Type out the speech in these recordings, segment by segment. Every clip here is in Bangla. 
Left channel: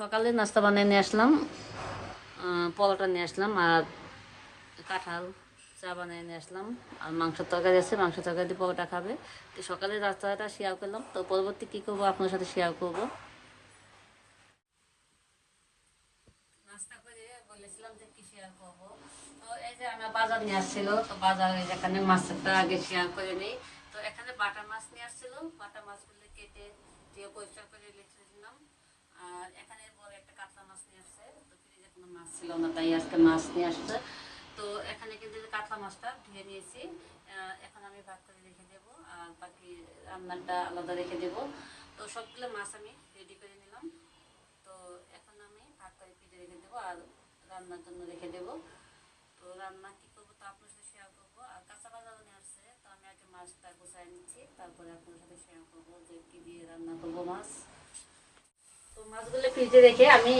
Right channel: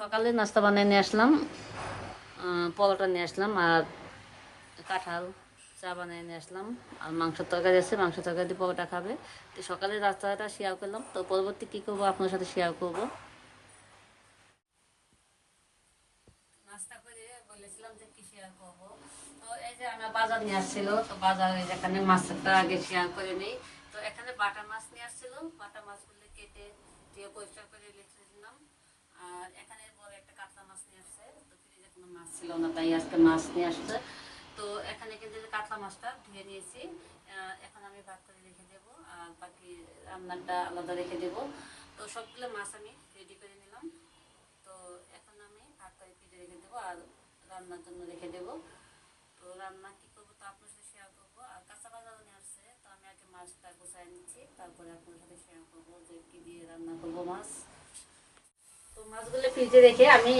সকালে নাস্তা বানিয়ে নিয়ে আসলাম পরোটা নিয়ে আসলাম আর কাঁঠাল চা বানিয়ে নিয়ে আসলাম। আর মাংস তরকারি আছে মাংস তরকারি দিয়ে পরোটা খাবে। তো সকালে রাস্তাটা শেয়ার করলাম। তো পরবর্তী কী করব আপনার সাথে শেয়ার করব? করে বলেছিলাম যে করব। তো এই যে আমরা বাজার নিয়ে আসছিল, তো বাজারে যেখানে মাছটা আগে শেয়ার করে নিই। তো এখানে বাটা মাছ নিয়ে আসছিল। বাটা মাছগুলো কেটে দিয়ে পরিষ্কার করে রেখে দিলাম। আর এখানে বড় একটা কাতলা মাছ নিয়ে আসছে, তো ফ্রিজে কোনো মাছ ছিল না, তাই আজকে মাছ নিয়ে আসছে। তো এখানে কিন্তু কাতলা মাছটা ধুয়ে নিয়েছি এখন আমি ভাগ করে রেখে দেবো, আর বাকি রান্নাটা আলাদা রেখে দেবো। তো সবগুলো মাছ আমি রেডি করে নিলাম। তো এখন আমি ভাত করে কেটে রেখে দেবো, আর রান্নার জন্য রেখে দেবো। তো রান্না কি করব তো আপনার শেয়ার করব। আর কাঁচা বাজারও নিয়ে আসছে, তো আমি আগে মাছটা গোছায় নিচ্ছি, তারপরে আপনার সাথে শেয়ার করব যে কি দিয়ে রান্না করব মাছ। তো মাছগুলো ফ্রিজে রেখে আমি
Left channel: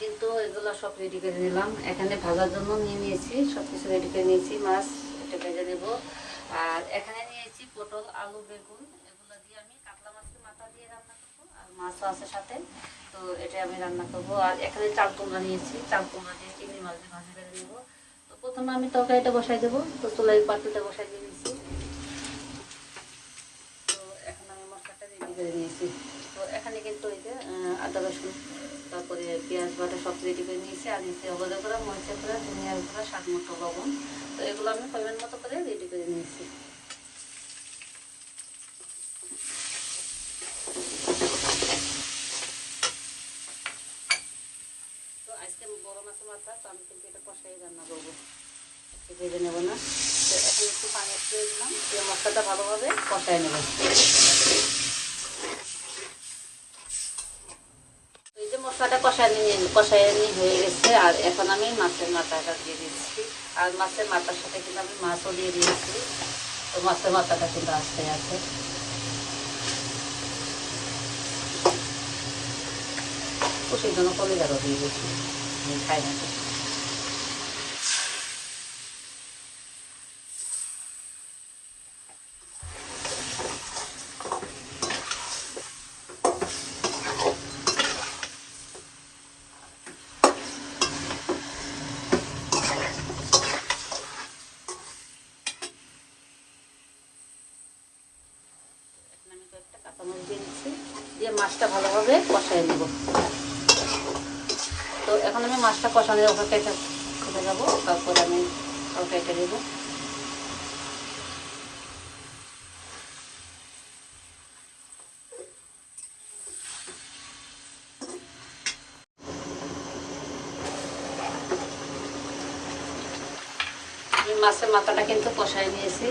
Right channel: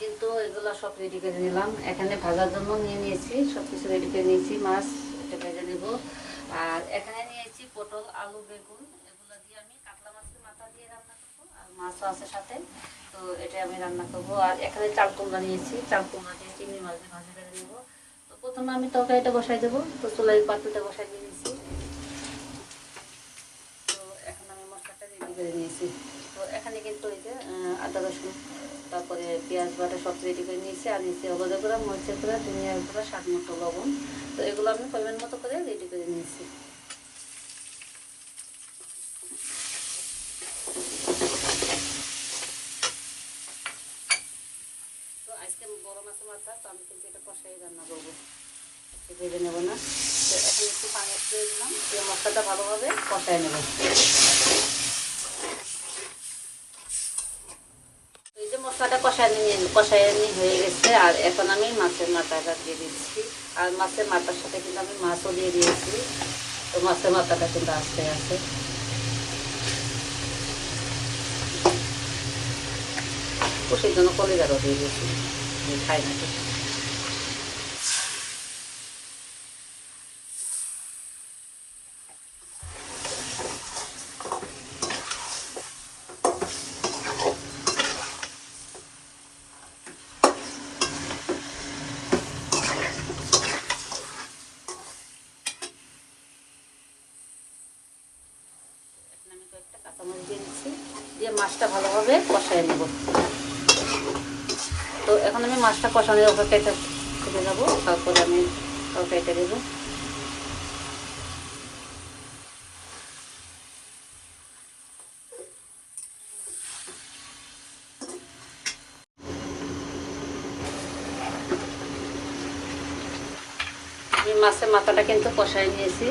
কিন্তু এগুলো সব রেডি করে নিলাম। এখানে ভাজার জন্য নিয়ে নিয়েছি সব রেডি করে নিয়েছি, মাছ এটা ভেজে নেব। আর এখানে নিয়েছি পটল, আলু, বেগুন, এগুলো দিয়ে আমি কাতলা মাছের মাথা দিয়ে রান্না করব, আর মাছও আছে সাথে। তো এটা আমি রান্না করব। আর এখানে চাল কুমড়া নিয়েছি, চাল কুমড়া দিয়ে চিংড়ি মাছ দিয়ে ভাজি করে নেব। তো প্রথমে আমি তরকারিটা বসাই দেবো, তো চুলাই পাতিটা বসাই দিয়ে নিয়েছি তো এখন আমি মশলাটা রেডি করে নিয়েছি। এখানে কিন্তু ওই যে আদা রসুন, তারপরে পেঁয়াজ বাটা সব রেডি করে নিয়েছি, আর নিয়েছি হলুদের গুঁড়া, মরিচের গুঁড়া, ধনিয়ার গুঁড়া স্বাদ মতো লবণ, তো এগুলো আমি পরিমাণ মতো করে রেডি করে নিয়েছি। তো আজকে বড় মাছের মাথা, তো আমি কিন্তু এটা কষাই রান্না করব। ভেজে নেব না। তো এখন একটু পানি দিয়ে দিলাম, দিয়ে মশলাটা ভালোভাবে কষাই নেব। কষাই নিয়ে হয়ে গেছে, আর এখন আমি মাছের মাথাটা দিয়ে দিচ্ছি। আর মাছের মাথার সাথে কিন্তু আমি মাছও দিয়ে দিয়েছি। তো মাছের মাথাটা কিন্তু আস্তে আছে। তো সেই জন্য কলিজাটা দিয়ে দিয়েছি। খাই না তো। এখন আমি কয়েকটা কাঁচামরিচ দিয়ে দিচ্ছি দিয়ে মাছটা ভালোভাবে কষাই নেব। তো এখন আমি মাছটা কষানোর অপেক্ষাটা তুলে নেব, তারপর আমি কেটে দেবো মাছের মাথাটা কিন্তু কষাই নিয়েছি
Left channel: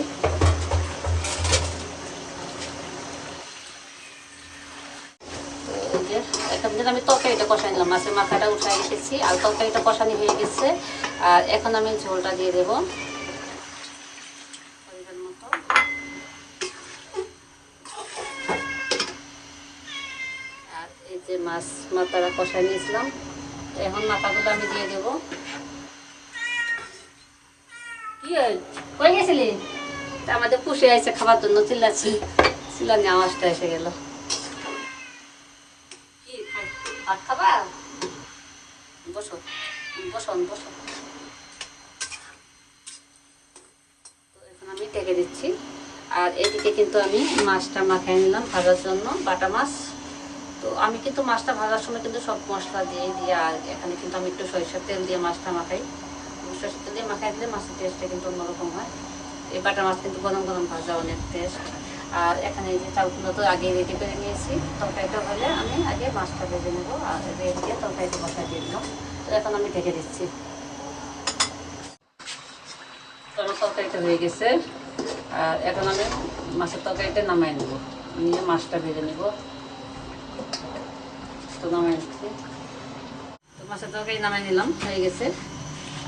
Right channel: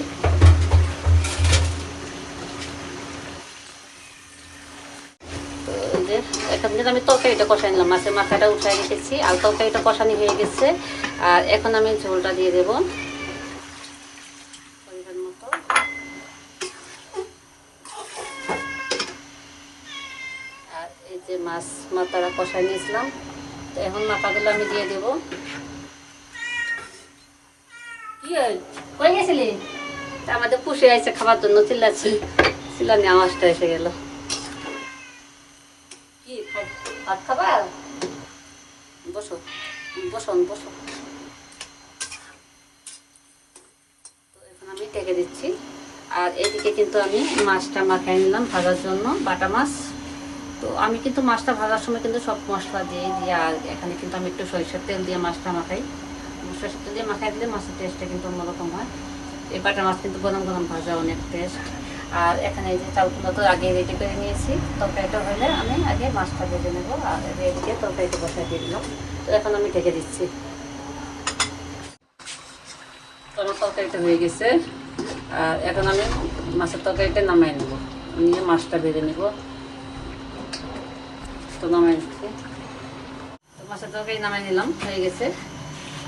এই যে এখন যেটা তরকারিটা কষাই নিলাম। মাছের মাথাটা উঠে এসেছি আর তরকারিটা কষানি হয়ে গেছে। আর এখন আমি ঝোলটা দিয়ে দেবো। আর এই যে মাছ মাথাটা কষাই নিয়েছিলাম, তো এখন মাথাগুলো আমি দিয়ে দেবো। হল? গেছিলি? আমাদের পুষে আছে খাবার জন্য চিল্লাচ্ছে। চিল্লানি আওয়াজটা এসে গেল। ভাত খাবা? বসো বসুন বসুন এখন আমি টেকে দিচ্ছি। আর এদিকে কিন্তু আমি মাছটা মাখাই নিলাম ভাজার জন্য, বাটা মাছ। তো আমি কিন্তু মাছটা ভাজার সময় কিন্তু সব মশলা দিয়ে দিয়ে আর এখানে কিন্তু আমি একটু সরিষার তেল দিয়ে মাছটা মাখাই। সরিষার তেল দিয়ে মাখাই দিলে মাছের টেস্টটা কিন্তু অন্যরকম হয়। এই বাটা মাছ কিন্তু গরম গরম ভাজা অনেক টেস্ট আর এখানে যে তো আগে রেডি করে নিয়েছি, তরকারিটা হলে আমি আগে মাছটা ভেজে নেব, আর দিয়ে তরকারিটা বসাই দিয়ে দিলাম। তো এখন আমি ঢেকে দিচ্ছি। তরকারিটা হয়ে গেছে। আর এখন আমি মাছের তরকারিটা নামাই নেব। আমি মাছটা ভেজে নেব। তো নামাই নিচ্ছি তো মাছের তরকারি নামাই নিলাম, হয়ে গেছে।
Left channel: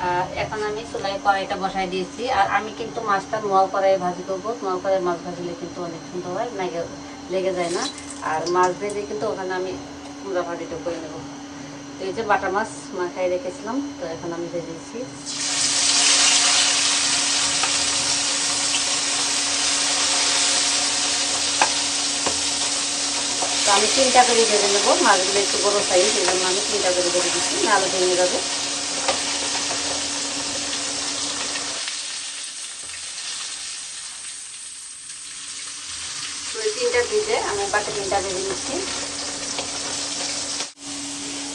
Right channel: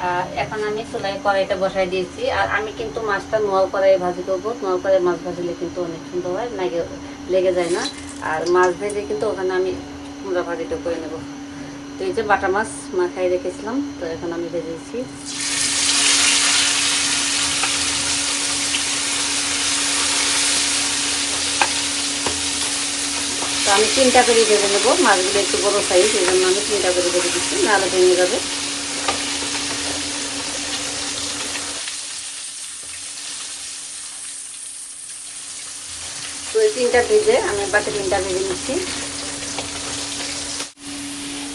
আর এখন আমি চুলাই কড়াইটা বসাই দিয়েছি। আর আমি কিন্তু মাছটা নোয়া কড়াই ভাজি করব। নোয়া কড়াই মাছ ভাজলে কিন্তু অনেক সুন্দর হয় লেগে লেগে যায় না। আর মাছ ভেজে কিন্তু ওখানে আমি মুড়া ভাজিটা করে নেব। তো এই যে বাটা মাছ মাখায় রেখেছিলাম, তো এখন আমি ভেজেছি আমি তিনটা করে বেড়ে দেবো মাছগুলো একটু বড় সাইজ এই জন্য আমি তিনটা করে বেড়ে দিচ্ছি নাহলে ভেঙে যাবে। এই তিনটা ভেজে আমি বাকি তিনটা ভেজে দিচ্ছি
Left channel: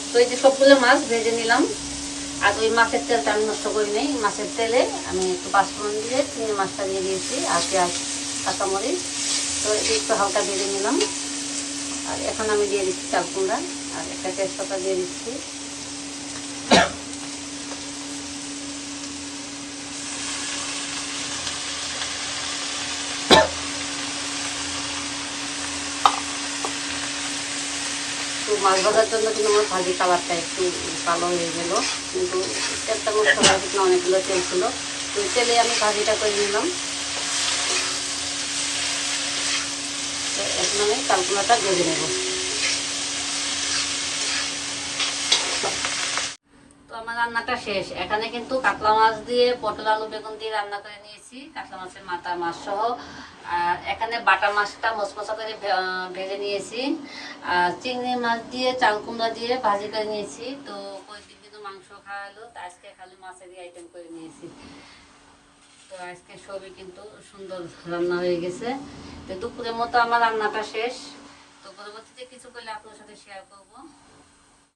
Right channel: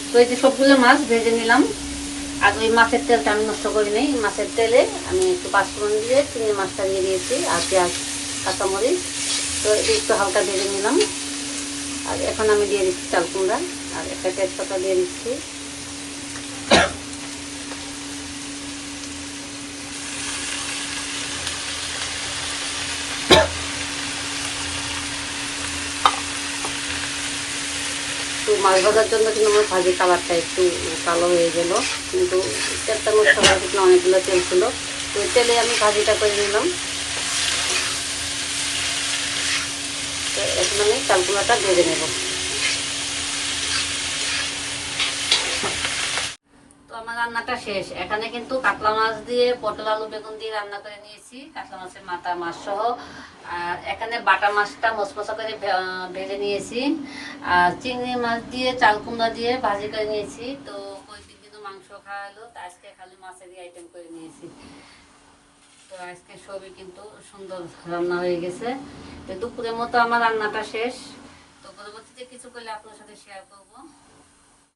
তো এই যে সবগুলো মাছ ভেজে নিলাম। আর ওই মাছের তেলটা আমি নষ্ট করি নেই। মাছের তেলে আমি একটু পাঁচফোড়ন দিয়ে চিংড়ি মাছটা দিয়ে দিয়েছি আর পেঁয়াজ, কাঁচামরিচ। তো একটু হালকা ভেজে নিলাম। আর এখানে আমি দিয়ে দিচ্ছি চাল কুমড়া। আর একটা তেজপাতা দিয়ে দিচ্ছি। মাছ ভাজার জন্য কিন্তু আমার ভাজি কালারটা একটু কালো হয়ে গেল। কিন্তু তেলটা মধ্যে কালার কিন্তু অনেকগুলো তেল ছিল। তেলে আমি ভাজিটা করে নিলাম। এখন আমি চালকুলাটা ভেজে নেব। আমার রান্নাটা শেষ। এখানে কিন্তু কাতলা মাছ দিয়ে পটল আলু বেগুন দিয়ে রান্না করে নিয়েছি, কাতলা মাছের মাথা মাছ সহ। আর এখানে বাটা মাছটা মশমশা করে ভেজে নিয়েছি। আর চিংড়ি মাছ দিয়ে, চাল কুমড়া দিয়ে ভাজি করে নিয়েছি। তো ওই দিন কিন্তু মাংস খাওয়া হলো তো আজকে খালি মাছেরই আইটেম করে নিয়েছি। তো আজকে সবই কিন্তু সুন্দর রান্না হয়ে গেছে। তো দুপুরের মতো আমার রান্নাটা শেষ। তো পরবর্তীতে কিছু করলে আপনার সাথে শেয়ার করব।